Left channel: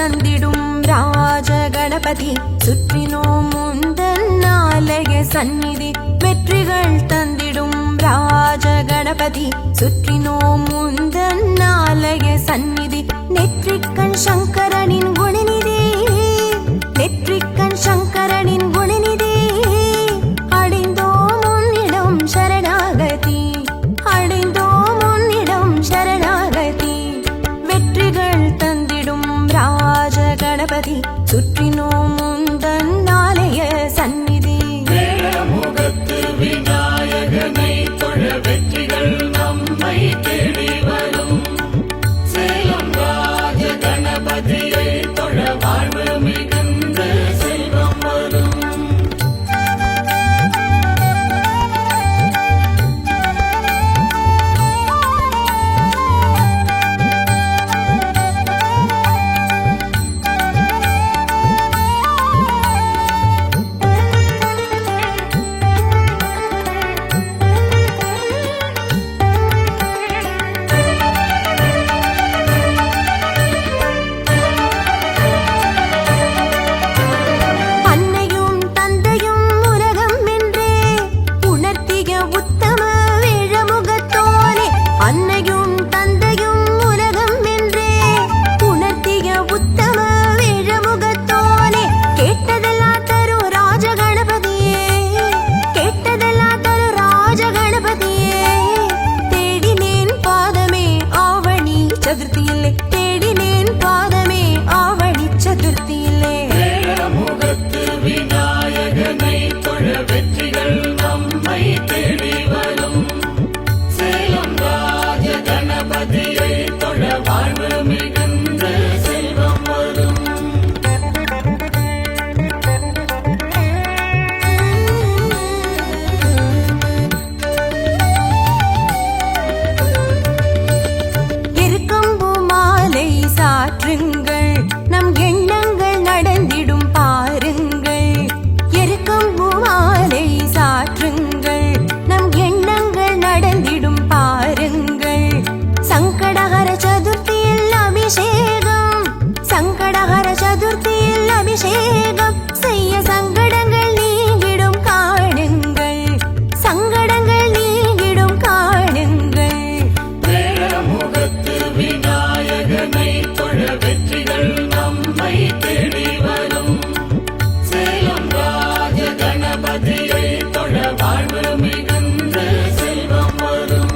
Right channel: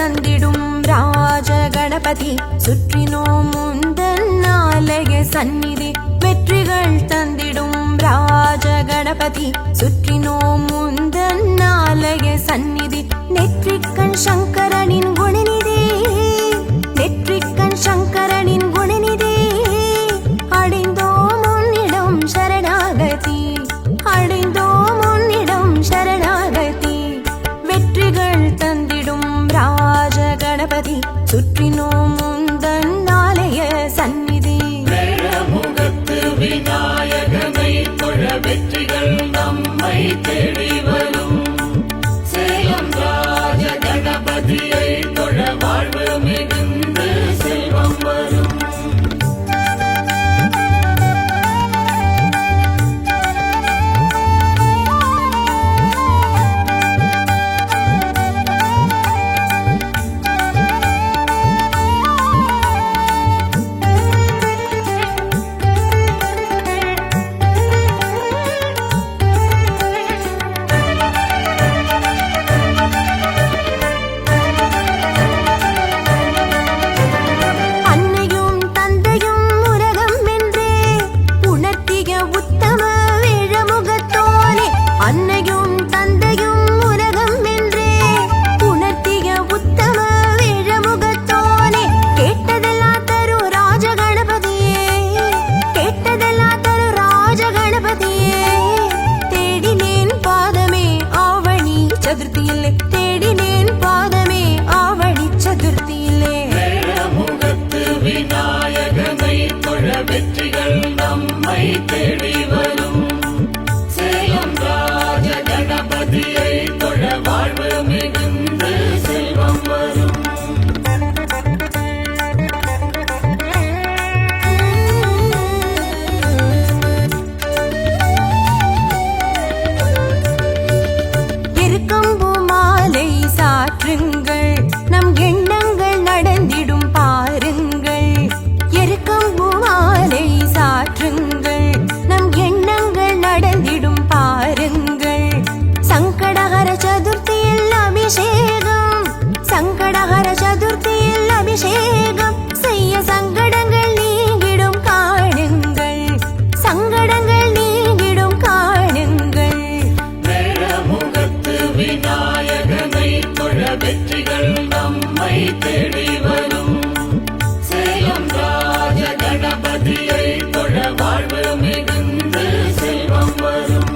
தந்திடும் ராஜ கணபதி சுற்றினோம் முந்தன் ஆலய சந்நிதி வெற்றிகள் தந்திடும் ராஜ கணபதி சுற்றினோம் முந்தன் ஆலய சந்நிதி நெற்றிக்கண் சங்கரனின் குணநிதி நெற்றிக்கண் சங்கரனின் குணநிதி அடைந்தோம் உன்னிடம் சரணாகதி அடைந்தோம் உன்னிடம் சரணாகதி வெற்றிகள் தந்திடும் ராஜ கணபதி சுற்றினோம் முந்தன் ஆலய சந்நிதி வேழமுகத்து விநாயகனை தொழ வெற்றிகள் நம்மை தேடி வரும் சேலம் ராஜ கணபதியை தொழ வாழ்வு மிகுந்து செல்வம் வரும் அன்னையும் தந்தையும் உலகம் என்றே உணர்த்திய உத்தம வேழமுகத்தோனே கேட்டதெல்லாம் தரு ராஜ கணபதியே கேட்டதெல்லாம் தரு ராஜ கணபதியே தேடினேன் பாதமே ஆவணி சதுர்த்தியிலே தேடினேன் பாதமே ஆவணி சதுர்த்தியிலே வேழமுகத்து விநாயகனை தொழ வெற்றிகள் நம்மை தேடி வரும் சேலம் ராஜ கணபதியை தொழ வாழ்வு மிகுந்து செல்வம் வரும் எருக்கம்பூ மாலை சாற்றுங்கள் நம் எண்ணங்கள் நடந்திடும் பாருங்கள் எருக்கம்பூ மாலை சாற்றுங்கள் நம் எண்ணங்கள் நடந்திடும் பாருங்கள் சங்கடஹர சதுர்த்தியில் அபிஷேகம் சங்கடஹர சதுர்த்தியில் அபிஷேகம் செய்ய சங்கடங்கள் நீங்கிடும் காணுங்கள் சங்கடங்கள் நீங்கிடும் காணுங்கள் வேழமுகத்து விநாயகனை தொழ வெற்றிகள் நம்மை தேடி வரும் சேலம் ராஜ கணபதியை தொழ வாழ்வு மிகுந்து செல்வம் வரும்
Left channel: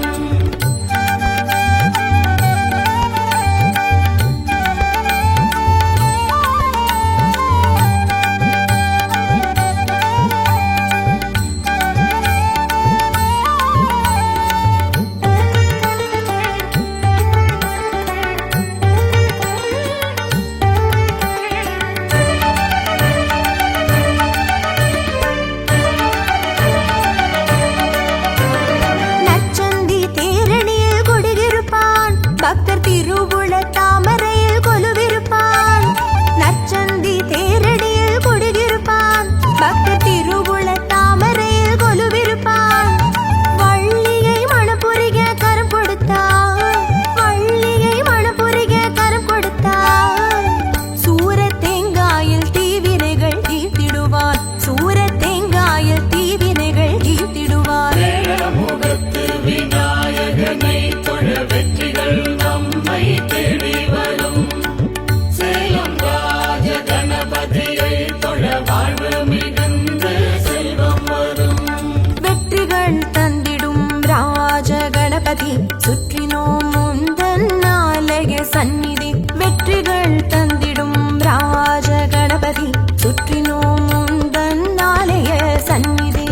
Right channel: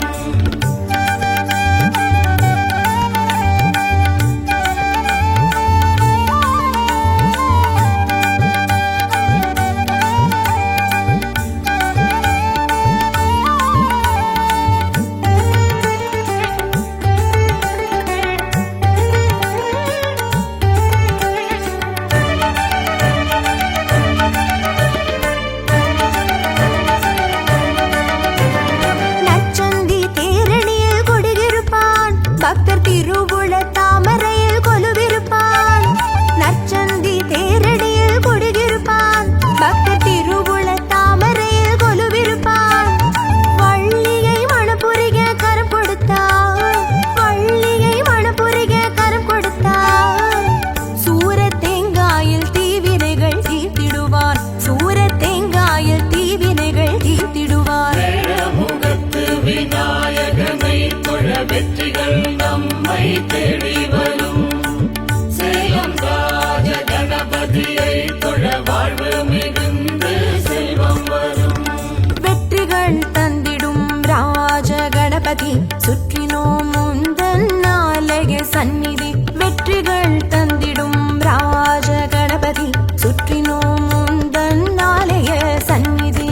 பக்தர் திருவுள தாமரையில் கொலுவிருப்பான் நற்சந்தி தேரடியில் கொடியிருப்பான் பக்தர் திருவுள தாமரையில் கொலுவிருப்பான் வள்ளியை மணப்புரிக கரம் கொடுத்தான் வள்ளியை புரிக கரம் கொடுத்தார். சூரத் தேங்காயில் தீவினைகள் தீர்த்திடுவார். சூரத் தேங்காயில் தீவினைகள் தீர்த்திடுவார். முகத்து விநாயகனை தொழ வெற்றிகள் நம்மை தேடி வரும். சேலம் ராஜ கணபதியை தொழ வாழ்வு மிகுந்து செல்வம் வரும். வெற்றிகள் தந்திடும் ராஜ கணபதி சுற்றினோம் முந்தன் ஆலய சந்நிதி. வெற்றிகள் தந்திடும் ராஜ கணபதி சுற்றினோம் முந்தன் ஆலய சந்நிதி.